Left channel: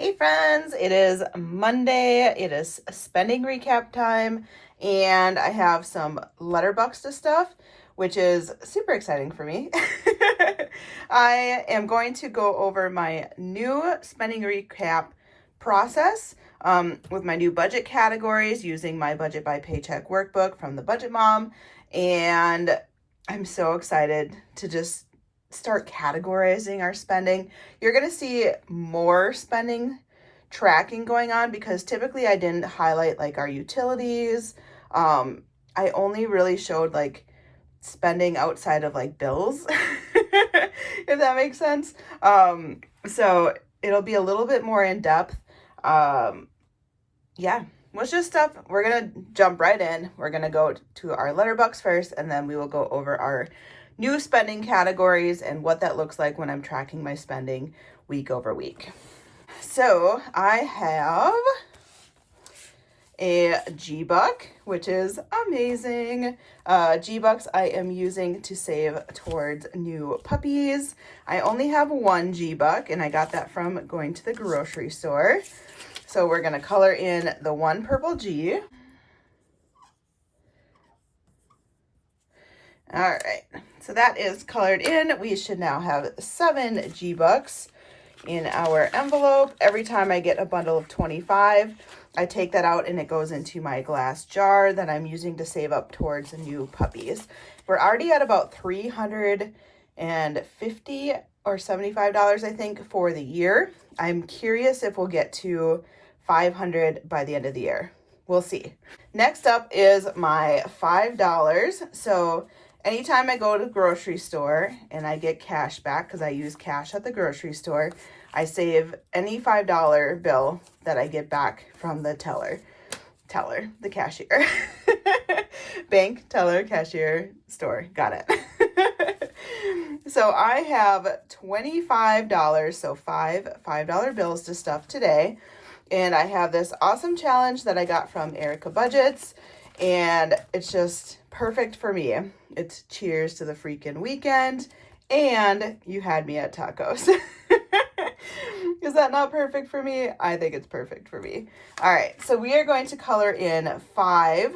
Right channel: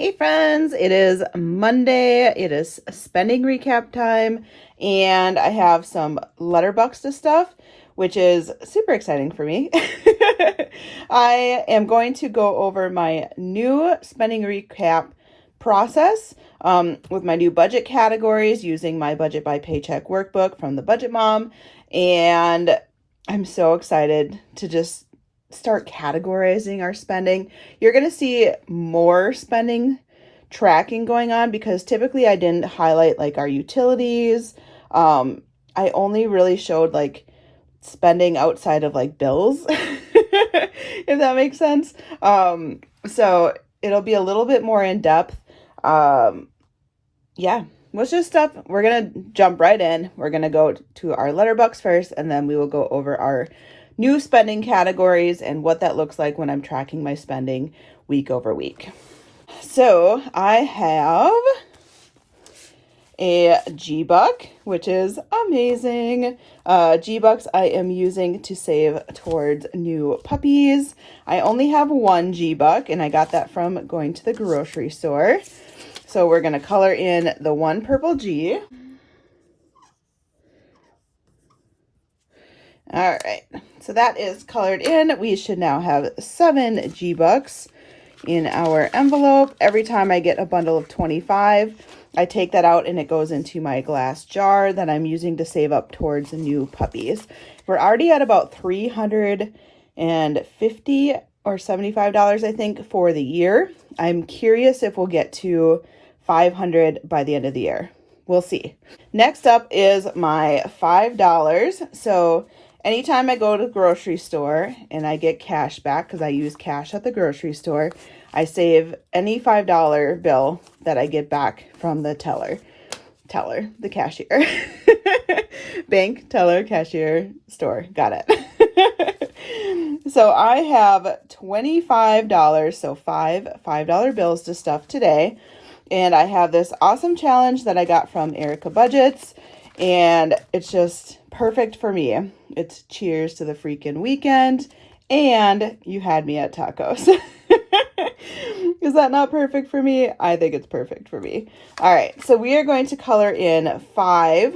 Hey friends, it is Monday. It is spending recap time, and I have some Letterboxd stuff, which is super exciting for me. I am going to go over my new spending recap process with my new budget categories using my Budget by Paycheck workbook from the Budget Mom, and I'm so excited to just start categorizing our spending. You're going to see more spending tracking going on because typically I didn't highlight like our utilities. I only really showed like spending outside of like bills, if that makes sense. So it'll be a little bit more in depth. Yeah, what's just stuff. We're going to jump right in. We're going to go to our Letterboxd first, and then we will go over our new spending categories and what that looks like when I'm tracking my spending week over week. So I have a G-Buck, which is amazing. G-Bucks I am using to save towards new puppies. I only have one G-Buck, and I got that from going to the grocery store. So we're going to color in the one purple G. All right, so that is colored in. We should now have 7 G-Bucks in our envelope. Every time I get a bundle of 25, I take that out and it goes into my glass jar that I'm using to save up towards new puppies. We're already at about $350 or $75, I think, for the year. I'm curious if we'll get to $500 by the end of the year. We'll see. Next up is my $5. So anytime I go to the grocery store and I get cash back, because I use cash at the grocery store, I save any $5 bill that I get back from the the cashier. Bank, teller, cashier, store. Got it. So I have $25, so $5 bills to stuff today. And I have this awesome challenge that I got from Erica Budgets, and it's just perfect for me. It's cheers to the freaking weekend, and you had me at tacos. Is that not perfect for me? I think it's perfect for me. All right, so we are going to color in 5,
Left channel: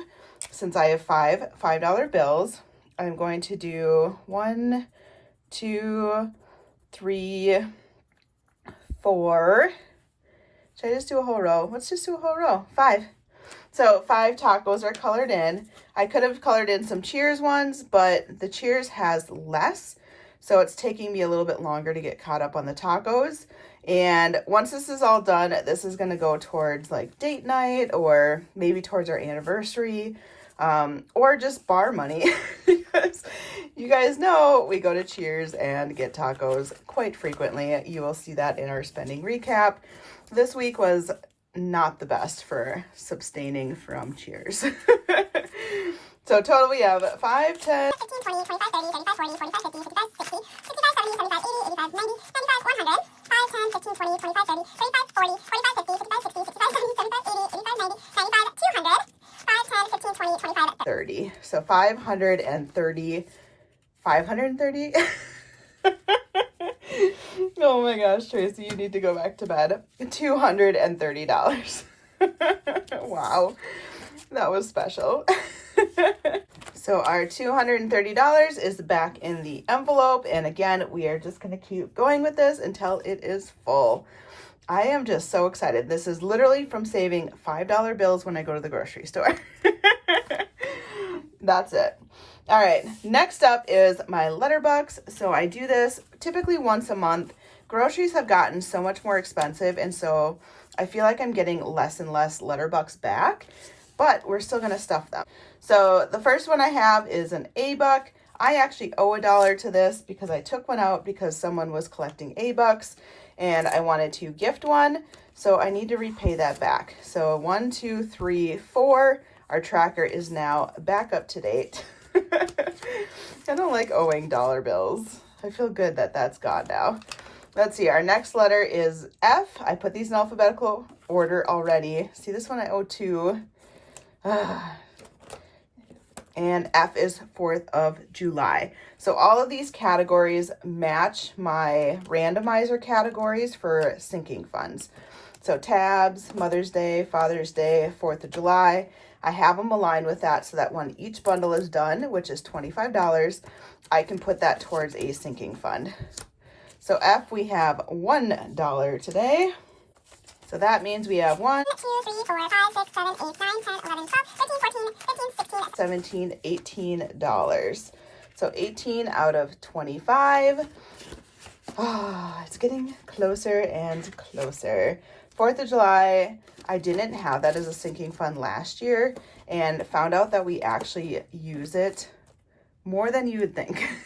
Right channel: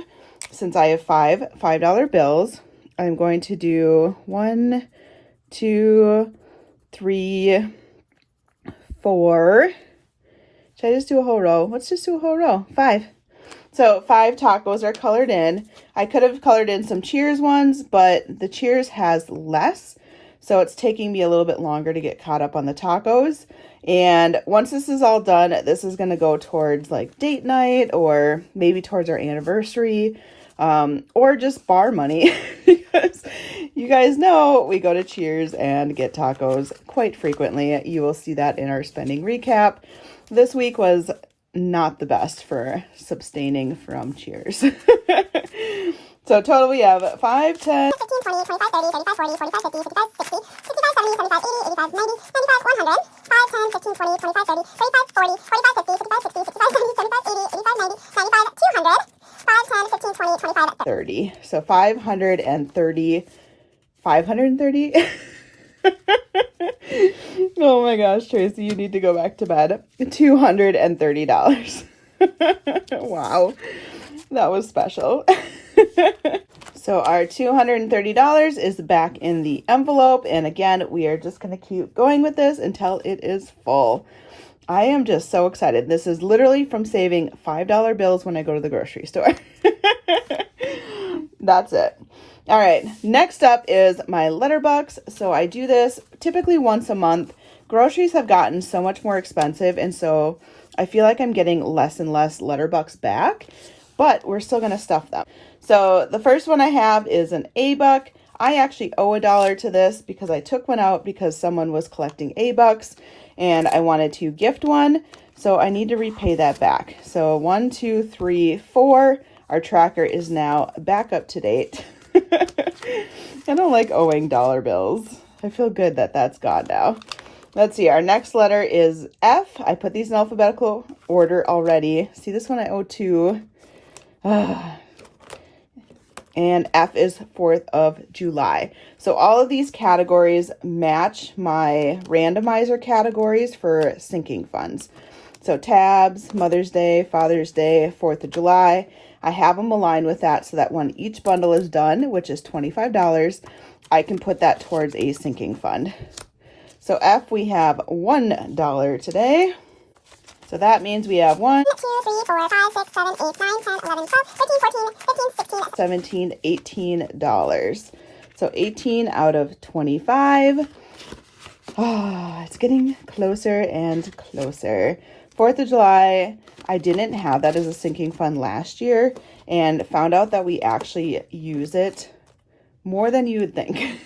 since I have $5 bills. I'm going to do 1, 2, 3, 4. Should I just do a whole row? Let's just do a whole row. 5. So 5 tacos are colored in. I could have colored in some Cheers ones, but the Cheers has less. So it's taking me a little bit longer to get caught up on the tacos. And once this is all done, this is going to go towards like date night or maybe towards our anniversary, or just bar money. Because you guys know we go to Cheers and get tacos quite frequently. You will see that in our spending recap. This week was not the best for sustaining from Cheers. So total we have 5, 10, 15, 20, 25, 30, 35, 40, 45, 50, 55, 60, 65, 70, 75, 80, 85, 90, 95, 100, 5, 10, 15, 20, 25, 30, 35, 40, 45, 50, 55, 60, 65, 70, 75, 80, 85, 90, 95, 200, 5, 10, 15, 20, 25, 30. So 530. 530? Oh my gosh, Tracy, you need to go back to bed. $230. Wow, that was special. So our $230 is back in the envelope. And again, we are just going to keep going with this until it is full. I am just so excited. This is literally from saving $5 bills when I go to the grocery store. That's it. All right, next up is my Letterboxd. So I do this typically once a month. Groceries have gotten so much more expensive, and so I feel like I'm getting less and less Letterboxd back, but we're still going to stuff them. So the first one I have is an A-Buck. I actually owe $1 to this because I took one out because someone was collecting A-Bucks and I wanted to gift one. So I need to repay that back. So 1, 2, 3, 4. Our tracker is now back up to date. I don't like owing dollar bills. I feel good that that's gone now. Let's see. Our next letter is F. I put these in alphabetical order already. See, this one I owe 2. and F is 4th of July. So all of these categories match my randomizer categories for sinking funds. So tabs, Mother's Day, Father's Day, 4th of July. I have them aligned with that so that when each bundle is done, which is $25, I can put that towards a sinking fund. So F, we have $1 today. So that means we have 1, 2, 3, 4, 5, 6, 7, 8, 9, 10, 11, 12, 13, 14, 15, 16, 17, $18. So 18 out of 25. Oh, it's getting closer and closer. 4th of July, I didn't have that as a sinking fund last year and found out that we actually use it more than you would think.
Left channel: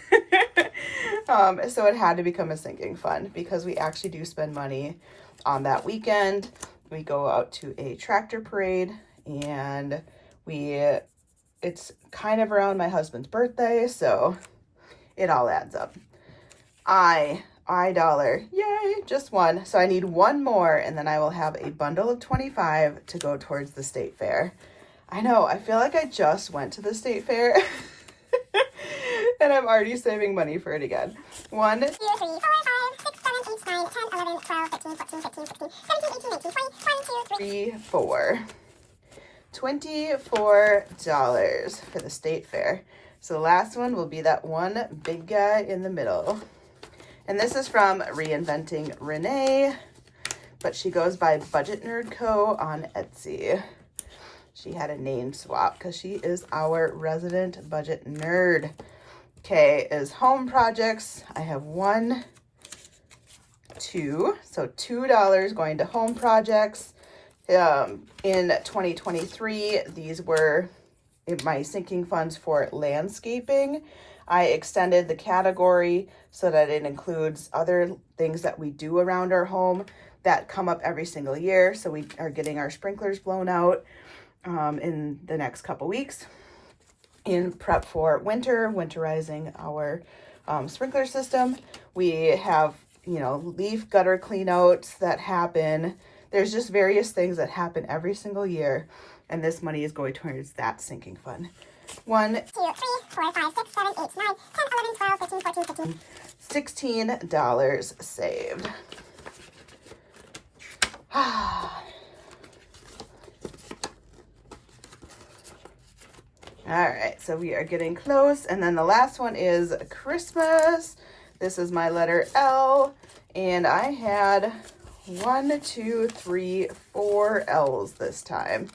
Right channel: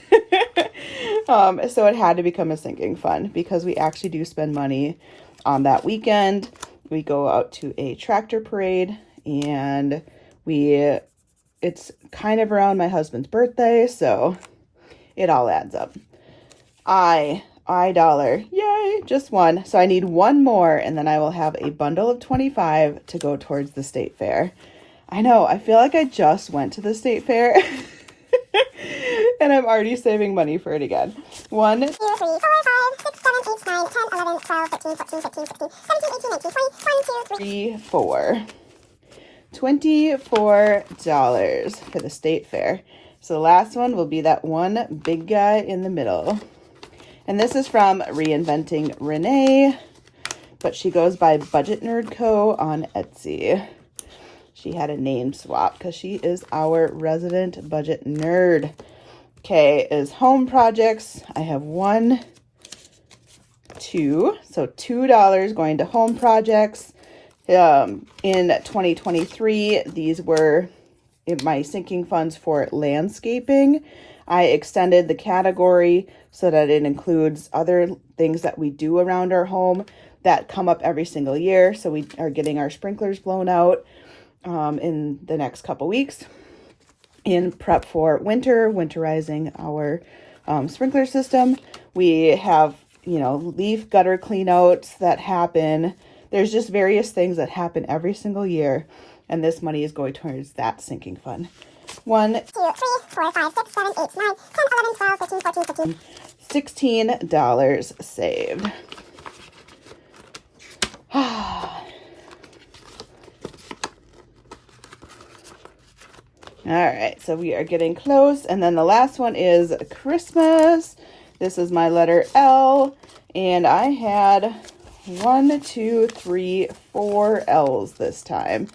So it had to become a sinking fund because we actually do spend money on that weekend. We go out to a tractor parade and it's kind of around my husband's birthday, so it all adds up. I dollar, yay, just one. So I need one more and then I will have a bundle of 25 to go towards the state fair. I know, I feel like I just went to the state fair and I'm already saving money for it again. 1, 2, 3, 4, 5, 6, 7, 8, 9, 10, 11, 12, 13, 14, 15, 16, 17, 18, 19, 20, 1, 2, 3, 3, 4. $24 for the state fair. So the last one will be that one big guy in the middle. And this is from Reinventing Rene, but she goes by Budget Nerd Co. on Etsy. She had a name swap because she is our resident budget nerd. K is home projects. I have 1, 2, so $2 going to home projects. In 2023, these were my sinking funds for landscaping. I extended the category so that it includes other things that we do around our home that come up every single year. So we are getting our sprinklers blown out in the next couple weeks in prep for winterizing our sprinkler system. We have, leaf gutter cleanouts that happen. There's just various things that happen every single year, and this money is going towards that sinking fund. 1, 2, 3, 4, 5, 6, 7, 8, 9, 10, 11, 12, 13, 14, 15. $16 saved. All right, so we are getting close. And then the last one is Christmas. This is my letter L, and I had 1, 2, 3, 4 L's this time,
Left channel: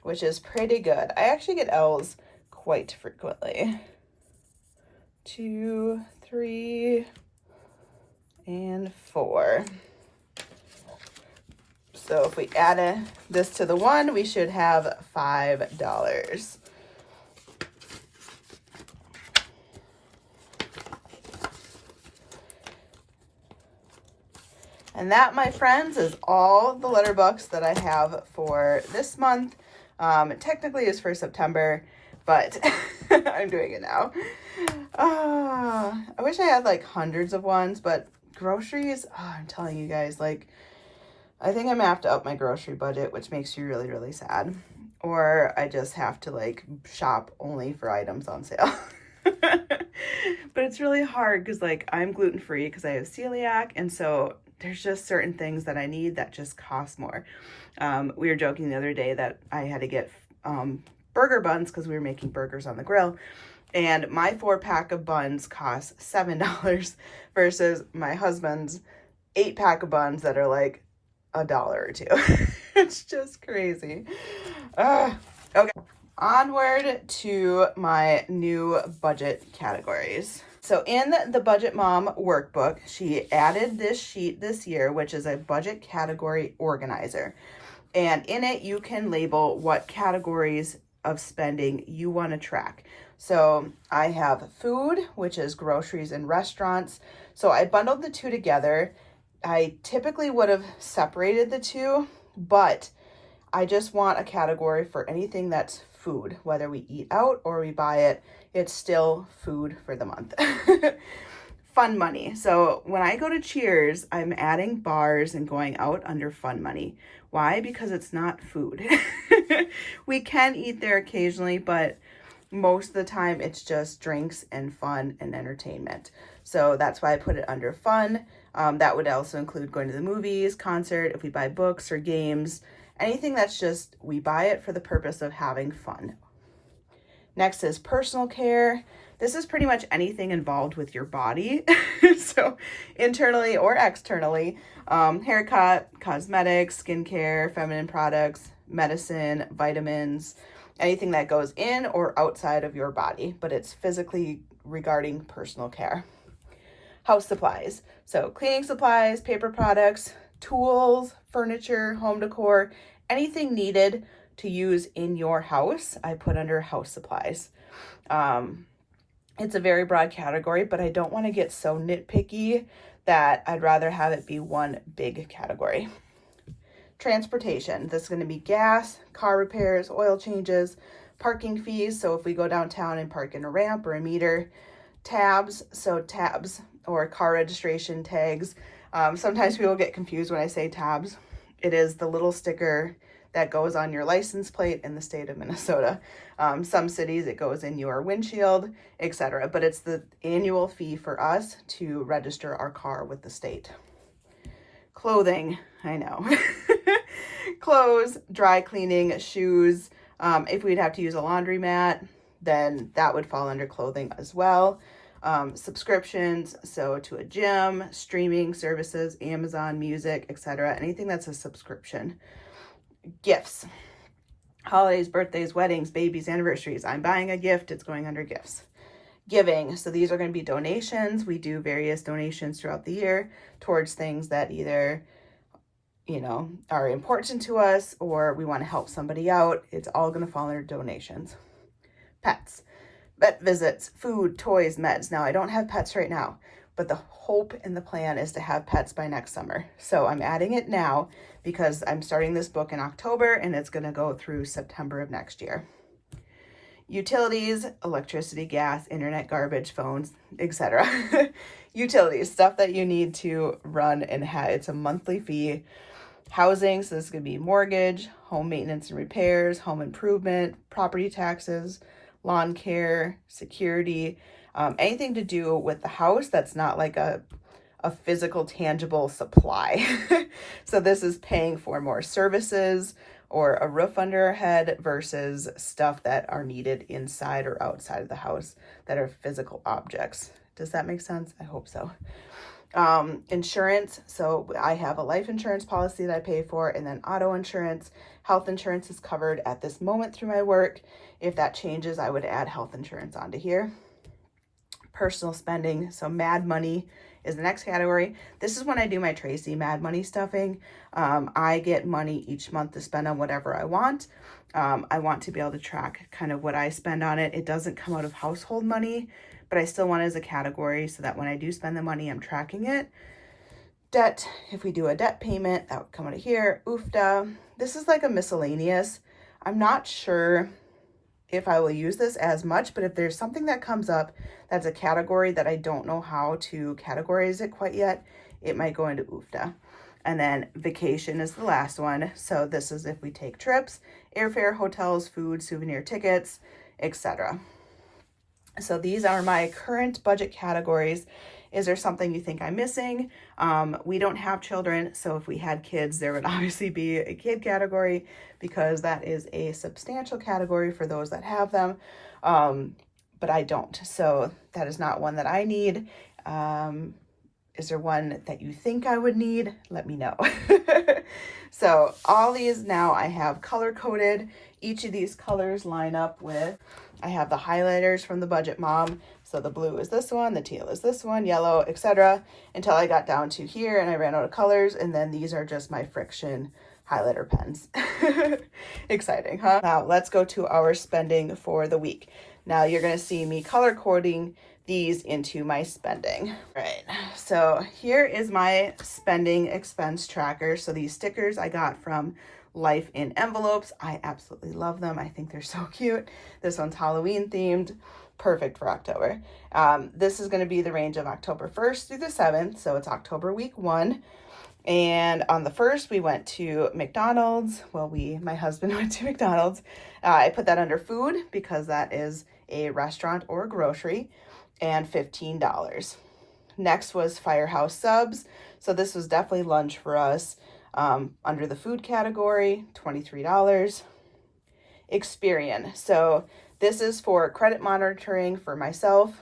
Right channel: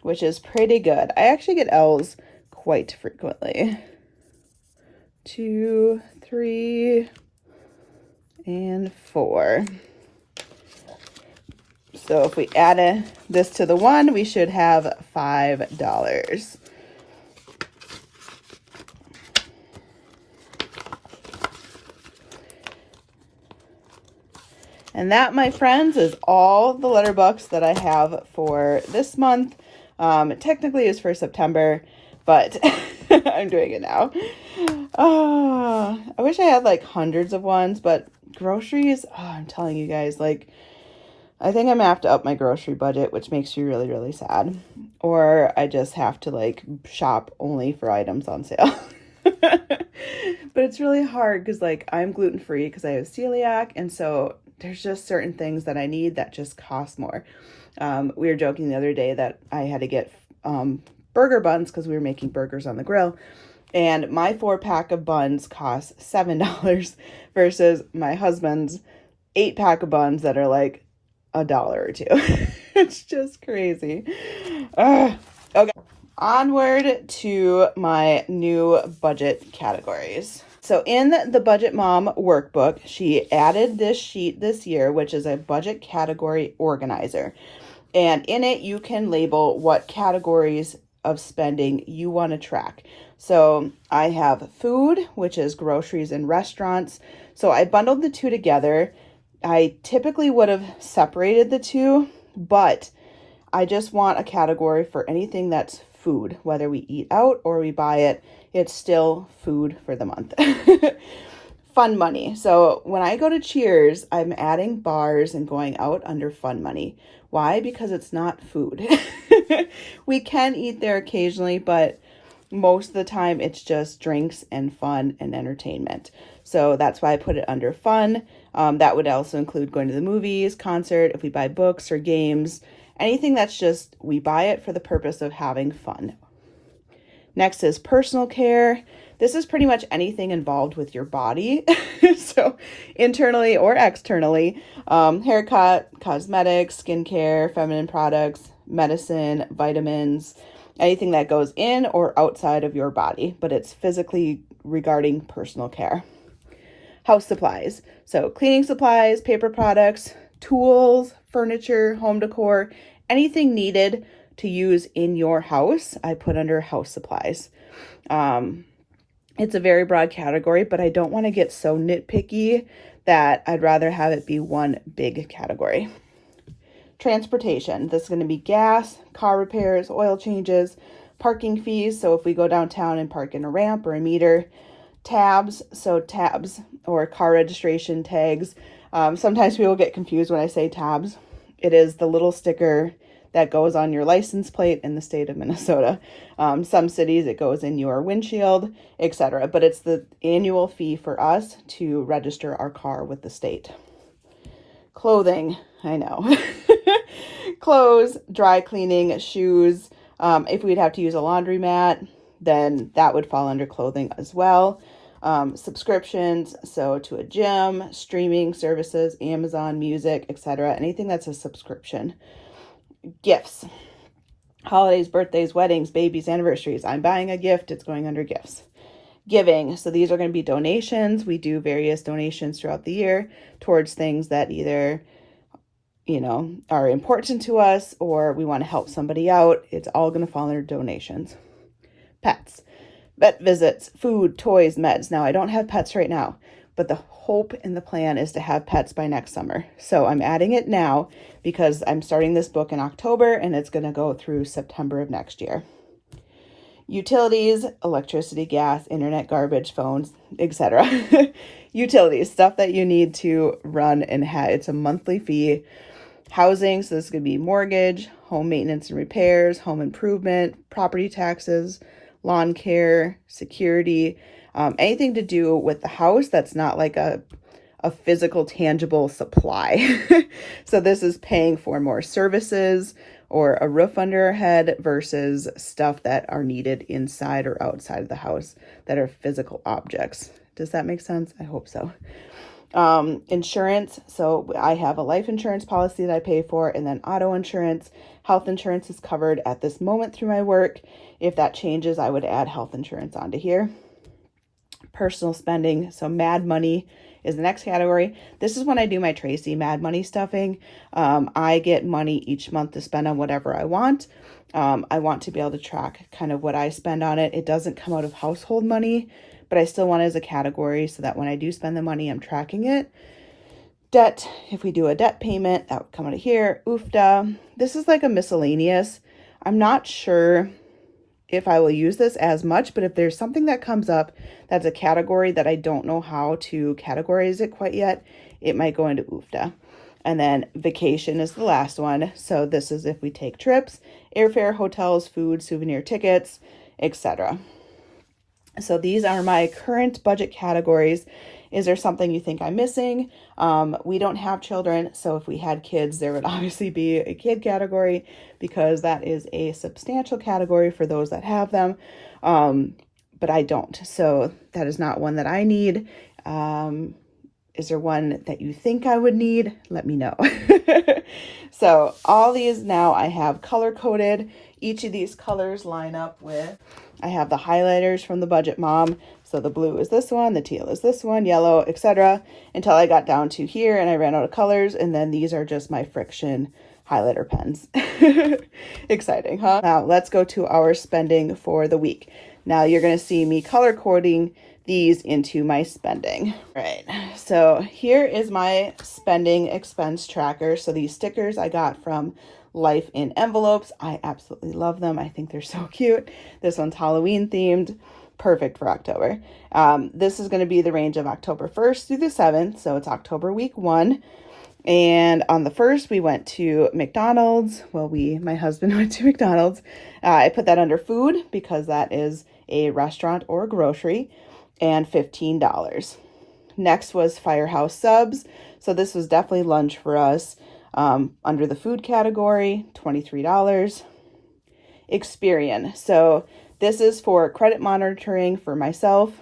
which is pretty good. I actually get L's quite frequently. 2, 3, and 4. So if we add this to the 1, we should have $5. And that, my friends, is all the letter books that I have for this month. It technically is for September, but I'm doing it now. I wish I had like hundreds of ones, but groceries, I'm telling you guys, like, I think I'm gonna have to up my grocery budget, which makes you really, really sad. Or I just have to like shop only for items on sale. But it's really hard because like I'm gluten-free because I have celiac, and so there's just certain things that I need that just cost more. We were joking the other day that I had to get burger buns because we were making burgers on the grill, and my 4-pack of buns cost $7 versus my husband's 8-pack of buns that are like $1 or $2. It's just crazy. Okay, onward to my new budget categories. So in the Budget Mom workbook, she added this sheet this year, which is a budget category organizer. And in it, you can label what categories of spending you want to track. So I have food, which is groceries and restaurants. So I bundled the two together. I typically would have separated the two, but I just want a category for anything that's food, whether we eat out or we buy it. It's still food for the month. Fun money. So when I go to Cheers, I'm adding bars and going out under fun money. Why? Because it's not food. We can eat there occasionally, but Most of the time it's just drinks and fun and entertainment. So that's why I put it under fun. That would also include going to the movies, concert, if we buy books or games, anything that's just, we buy it for the purpose of having fun. Next is personal care. This is pretty much anything involved with your body. So internally or externally, haircut, cosmetics, skincare, feminine products, medicine, vitamins, anything that goes in or outside of your body, but it's physically regarding personal care. House supplies. So cleaning supplies, paper products, tools, furniture, home decor, anything needed to use in your house, I put under house supplies. It's a very broad category, but I don't want to get so nitpicky that I'd rather have it be one big category. Transportation. This is going to be gas, car repairs, oil changes, parking fees. So if we go downtown and park in a ramp or a meter, tabs. So tabs or car registration tags. Sometimes people get confused when I say tabs. It is the little sticker that goes on your license plate in the state of Minnesota. Some cities it goes in your windshield, etc. But it's the annual fee for us to register our car with the state. Clothing, I know. Clothes, dry cleaning, shoes. If we'd have to use a laundromat, then that would fall under clothing as well. Subscriptions, so to a gym, streaming services, Amazon Music, etc. Anything that's a subscription. Gifts, holidays, birthdays, weddings, babies, anniversaries. I'm buying a gift, it's going under gifts. Giving, so these are going to be donations. We do various donations throughout the year towards things that either, are important to us or we want to help somebody out. It's all going to fall under donations. Pets, vet visits, food, toys, meds. Now, I don't have pets right now, but the hope and the plan is to have pets by next summer. So I'm adding it now because I'm starting this book in October and it's going to go through September of next year. Utilities, electricity, gas, internet, garbage, phones, etc. Utilities, stuff that you need to run and have. It's a monthly fee. Housing, so this is going to be mortgage, home maintenance and repairs, home improvement, property taxes, lawn care, security, anything to do with the house that's not like a physical, tangible supply. So this is paying for more services or a roof under our head versus stuff that are needed inside or outside of the house that are physical objects. Does that make sense? I hope so. Insurance. So I have a life insurance policy that I pay for, and then auto insurance. Health insurance is covered at this moment through my work. If that changes, I would add health insurance onto here. Personal spending. So Mad Money is the next category. This is when I do my Tracey Mad Money stuffing. I get money each month to spend on whatever I want. I want to be able to track kind of what I spend on it. It doesn't come out of household money, but I still want it as a category so that when I do spend the money, I'm tracking it. Debt, if we do a debt payment, that would come out of here. UFTA, this is like a miscellaneous. I'm not sure if I will use this as much, but if there's something that comes up that's a category that I don't know how to categorize it quite yet, it might go into UFTA. And then vacation is the last one. So this is if we take trips, airfare, hotels, food, souvenir tickets, etc. So these are my current budget categories. Is there something you think I'm missing? We don't have children, so if we had kids, there would obviously be a kid category because that is a substantial category for those that have them, but I don't. So that is not one that I need. Is there one that you think I would need? Let me know. So all these now I have color coded. Each of these colors line up with, I have the highlighters from the Budget Mom. So the blue is this one, the teal is this one, yellow, etc. Until I got down to here and I ran out of colors. And then these are just my friction highlighter pens. Exciting, huh? Now let's go to our spending for the week. Now you're going to see me color coding these into my spending. Right. So here is my spending expense tracker. So these stickers I got from Life in Envelopes. I absolutely love them. I think they're so cute. This one's Halloween themed. Perfect for October. This is going to be the range of October 1st through the 7th. So it's October week 1. And on the 1st, we went to McDonald's. Well, my husband went to McDonald's. I put that under food because that is a restaurant or grocery, and $15. Next was Firehouse Subs. So this was definitely lunch for us. Under the food category, $23. Experian. So this is for credit monitoring for myself.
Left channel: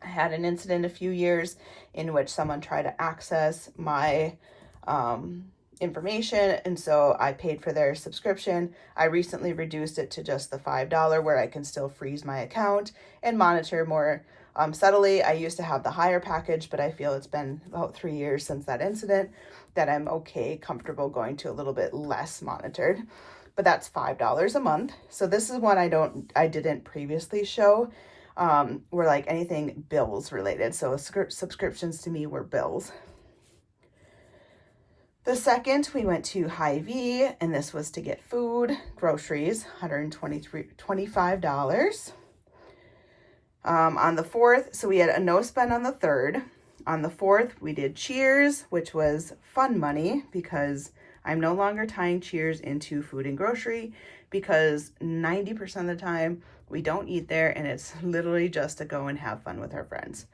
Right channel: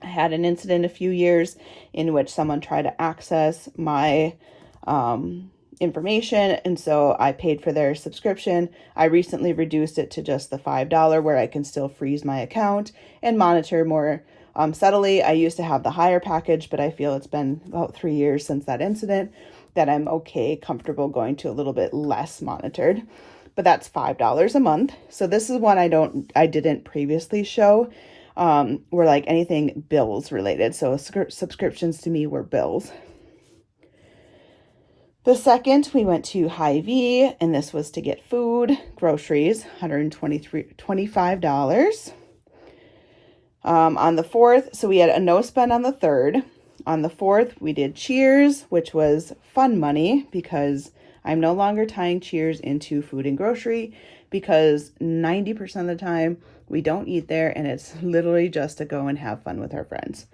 I had an incident a few years in which someone tried to access my information, and so I paid for their subscription. I recently reduced it to just the $5 where I can still freeze my account and monitor more subtly. I used to have the higher package, but I feel it's been about 3 years since that incident that I'm comfortable going to a little bit less monitored. But that's $5 a month. So this is one I didn't previously show. Were like anything bills related. So subscriptions to me were bills. The second, we went to Hy-Vee, and this was to get food, groceries, $25. On the 4th, so we had a no spend on the 3rd. On the 4th, we did Cheers, which was fun money because I'm no longer tying Cheers into food and grocery because 90% of the time we don't eat there, and it's literally just to go and have fun with our friends.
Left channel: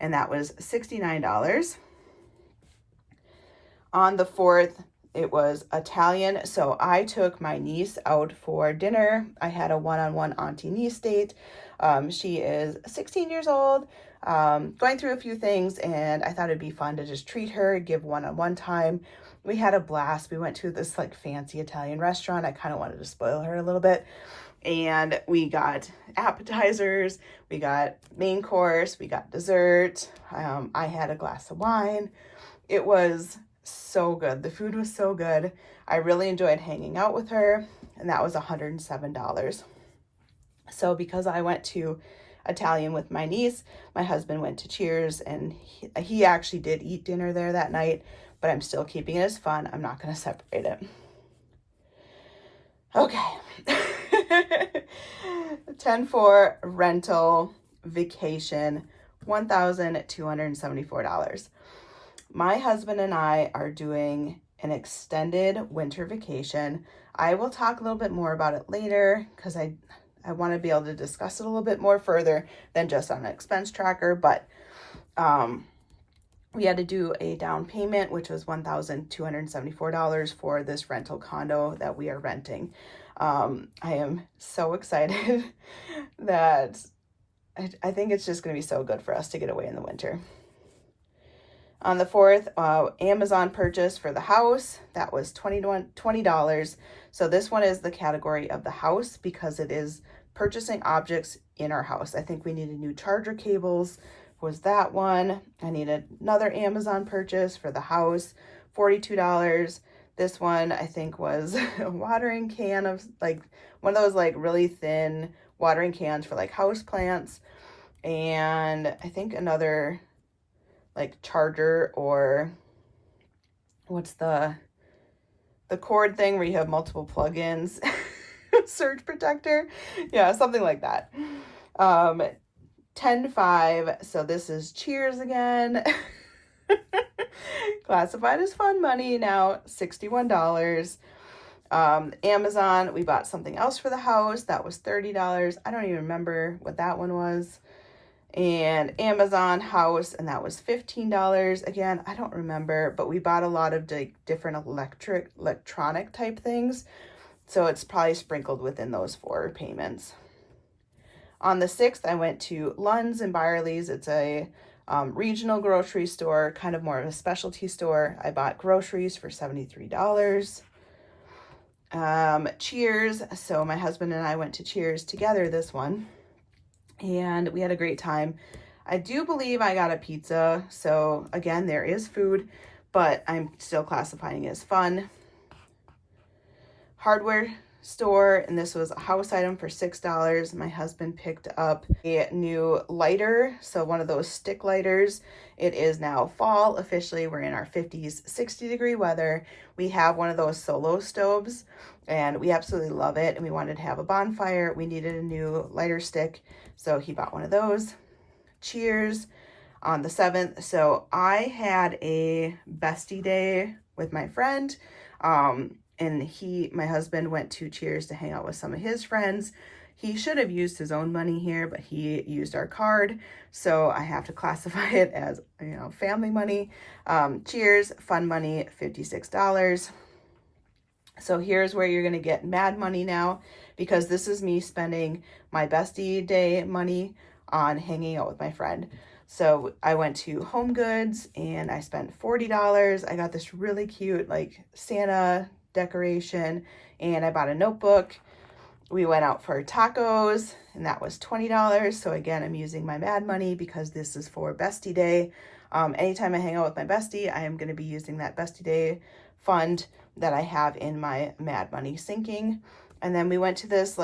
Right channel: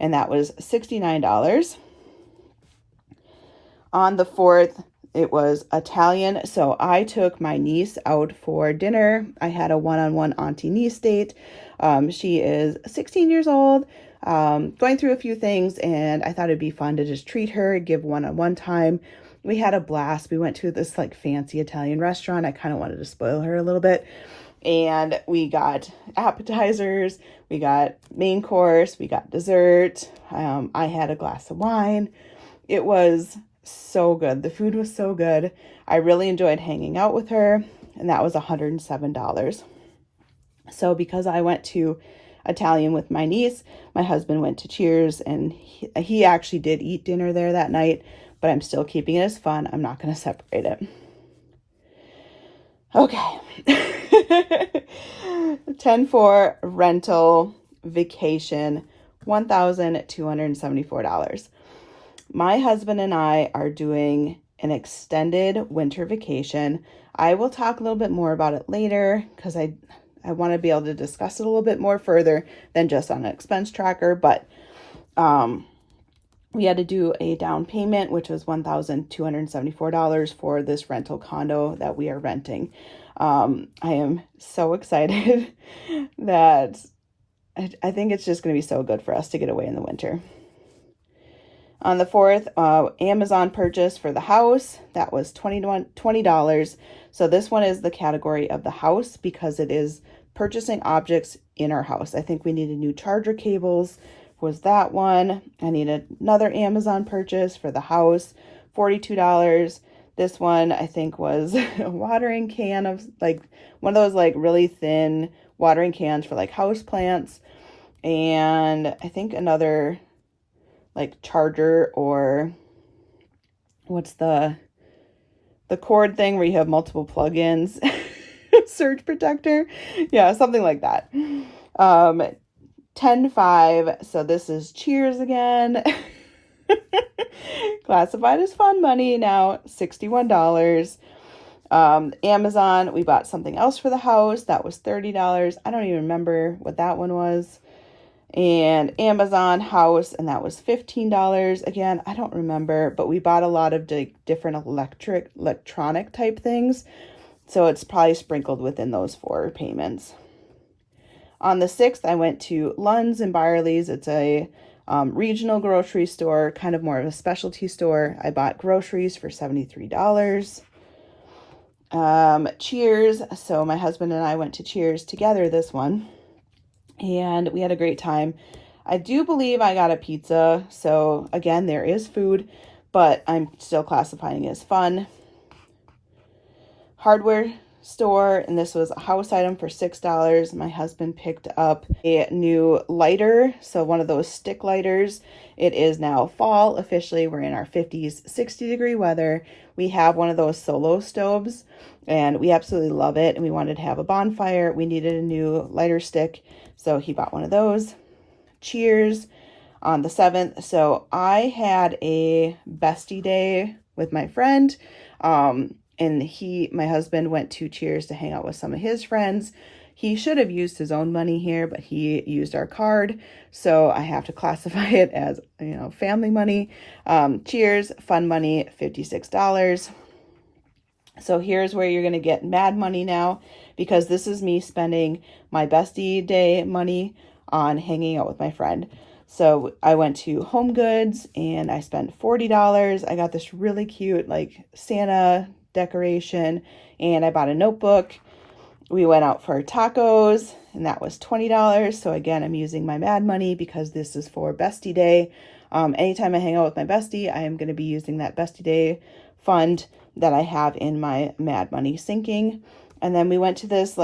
And that was $69. On the 4th, it was Italian. So I took my niece out for dinner. I had a one-on-one auntie-niece date. She is 16 years old, going through a few things, and I thought it'd be fun to just treat her, give one-on-one time. We had a blast. We went to this like fancy Italian restaurant. I kind of wanted to spoil her a little bit. And we got appetizers, we got main course, we got dessert. I had a glass of wine. It was so good. The food was so good. I really enjoyed hanging out with her, and that was $107. So because I went to Italian with my niece, my husband went to Cheers, and he actually did eat dinner there that night, but I'm still keeping it as fun. I'm not going to separate it. Okay. 10 for rental vacation, $1,274. My husband and I are doing an extended winter vacation. I will talk a little bit more about it later because I want to be able to discuss it a little bit more further than just on an expense tracker, but we had to do a down payment, which was $1,274 for this rental condo that we are renting. I am so excited that I think it's just going to be so good for us to get away in the winter. On the 4th, Amazon purchase for the house, that was $20. So this one is the category of the house because it is purchasing objects in our house. I think we needed new charger cables, was that one. I needed another Amazon purchase for the house, $42. This one I think was a watering can of like one of those like really thin watering cans for like house plants. And I think another like charger, or what's the cord thing where you have multiple plugins, surge protector. Yeah, something like that. 10-5. So this is Cheers again. Classified as fun money now, $61. Amazon, we bought something else for the house. That was $30. I don't even remember what that one was. And Amazon house, and that was $15. Again, I don't remember, but we bought a lot of different electronic type things. So it's probably sprinkled within those 4 payments. On the 6th, I went to Lund's in Byerly's. It's a regional grocery store, kind of more of a specialty store. I bought groceries for $73. Cheers. So my husband and I went to Cheers together this one, and we had a great time. I do believe I got a pizza. So again, there is food, but I'm still classifying it as fun. Hardware store, and this was a house item for $6. My husband picked up a new lighter, so one of those stick lighters. It is now fall officially. We're in our 50s, 60 degree weather. We have one of those solo stoves, and we absolutely love it, and we wanted to have a bonfire. We needed a new lighter stick, so he bought one of those. Cheers on the 7th. So I had a bestie day with my friend, and my husband went to Cheers to hang out with some of his friends. He should have used his own money here, but he used our card. So I have to classify it as, family money. Cheers, fun money, $56. So here's where you're going to get mad money now, because this is me spending my bestie day money on hanging out with my friend. So I went to Home Goods and I spent $40. I got this really cute like Santa decoration and I bought a notebook. We went out for tacos and that was $20. So again, I'm using my mad money because this is for bestie day. Anytime I hang out with my bestie, I am going to be using that bestie day fund that I have in my mad money sinking. And then we went to this,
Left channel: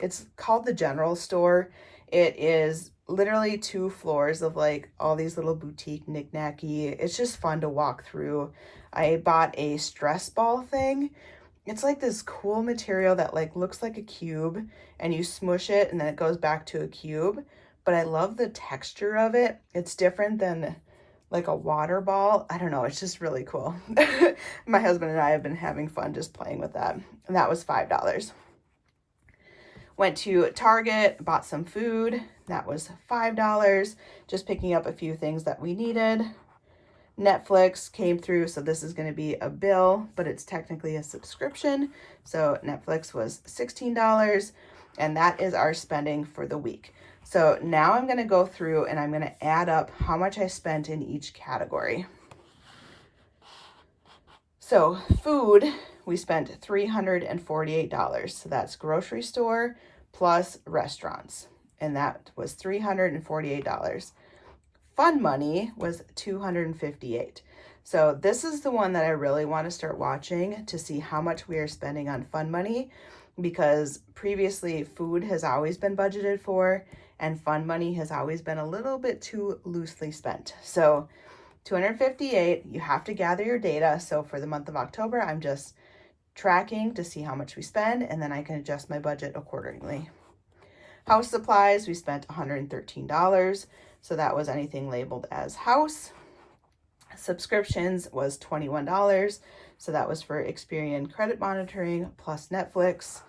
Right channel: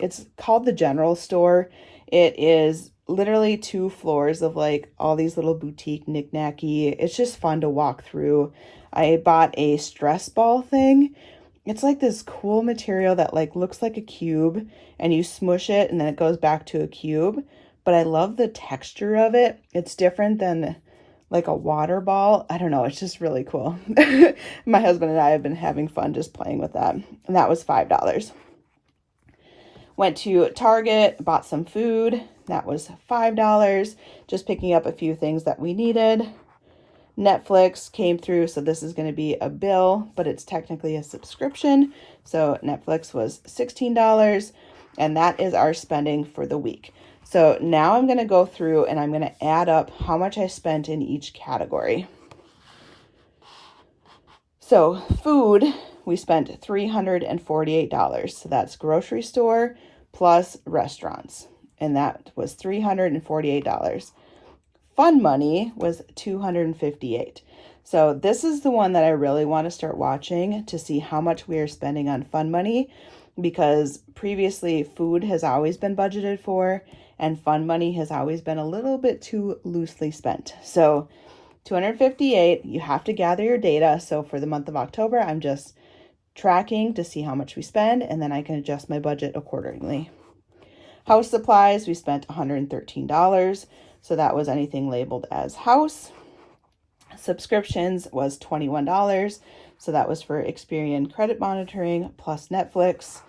it's called the general store. It is literally 2 floors of like all these little boutique knick-knacky. It's just fun to walk through. I bought a stress ball thing. It's like this cool material that like looks like a cube and you smush it and then it goes back to a cube. But I love the texture of it. It's different than like a water ball. I don't know. It's just really cool. My husband and I have been having fun just playing with that. And that was $5. Went to Target, bought some food. That was $5. Just picking up a few things that we needed. Netflix came through. So this is going to be a bill, but it's technically a subscription. So Netflix was $16. And that is our spending for the week. So now I'm going to go through and I'm going to add up how much I spent in each category. So food, we spent $348. So that's grocery store plus restaurants. And that was $348. Fun money was $258. So this is the one that I really want to start watching to see how much we are spending on fun money, because previously food has always been budgeted for and fun money has always been a little bit too loosely spent. So 258, you have to gather your data. So for the month of October, I'm just tracking to see how much we spend, and then I can adjust my budget accordingly. House supplies, we spent $113. So that was anything labeled as house. Subscriptions was $21. So that was for Experian credit monitoring plus Netflix.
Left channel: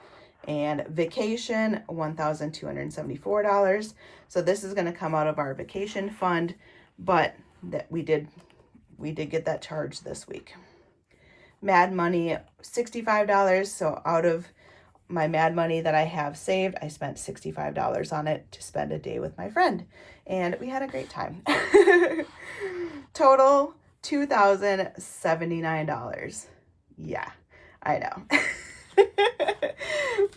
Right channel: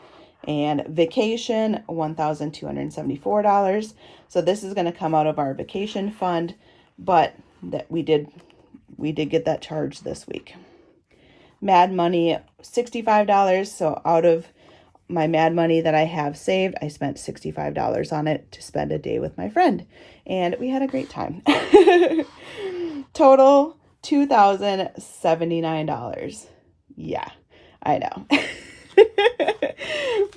And vacation, $1,274. So this is going to come out of our vacation fund, but that we did get that charge this week. Mad money, $65. So out of my mad money that I have saved, I spent $65 on it to spend a day with my friend, and we had a great time. Total $2,079. Yeah, I know.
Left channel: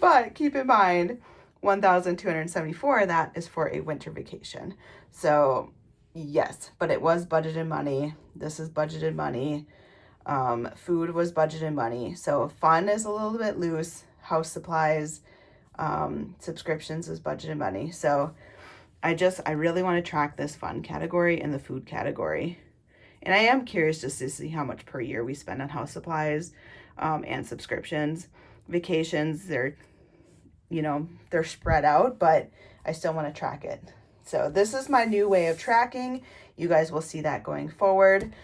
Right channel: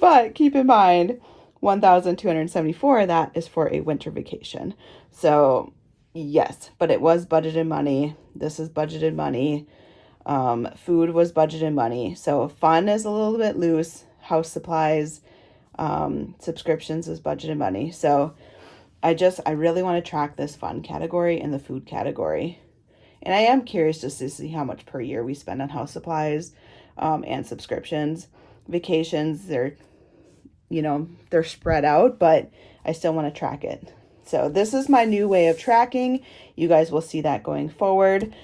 But keep in mind, $1,274, that is for a winter vacation. So yes, but it was budgeted money. This is budgeted money. Food was budgeted money. So fun is a little bit loose. House supplies, subscriptions is budgeted money. So I really want to track this fun category and the food category. And I am curious just to see how much per year we spend on house supplies and subscriptions. Vacations, they're spread out, but I still want to track it. So this is my new way of tracking. You guys will see that going forward.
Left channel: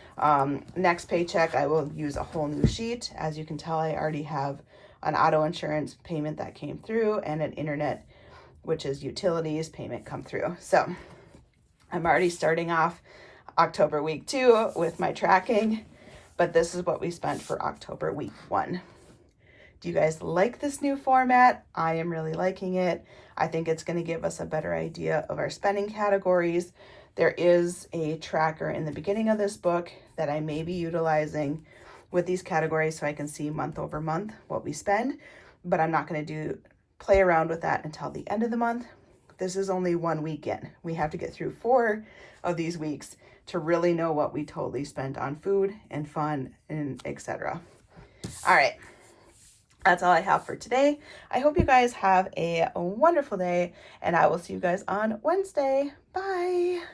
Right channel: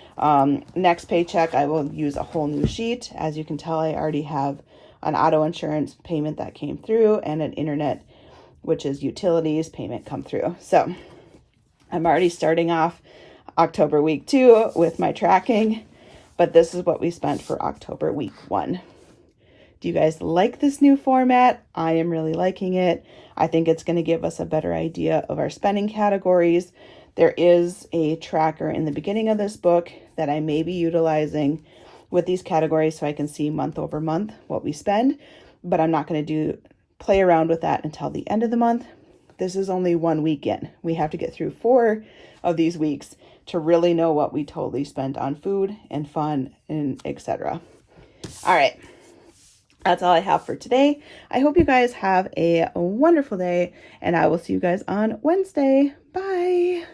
Next paycheck, I will use a whole new sheet. As you can tell, I already have an auto insurance payment that came through and an internet, which is utilities payment, come through. So I'm already starting off October week 2 with my tracking, but this is what we spent for October week 1. Do you guys like this new format? I am really liking it. I think it's going to give us a better idea of our spending categories. There is a tracker in the beginning of this book that I may be utilizing with these categories so I can see month over month what we spend, but I'm not going to play around with that until the end of the month. This is only 1 week in. We have to get through 4 of these weeks to really know what we totally spent on food and fun and etc. All right. That's all I have for today. I hope you guys have a wonderful day, and I will see you guys on Wednesday. Bye.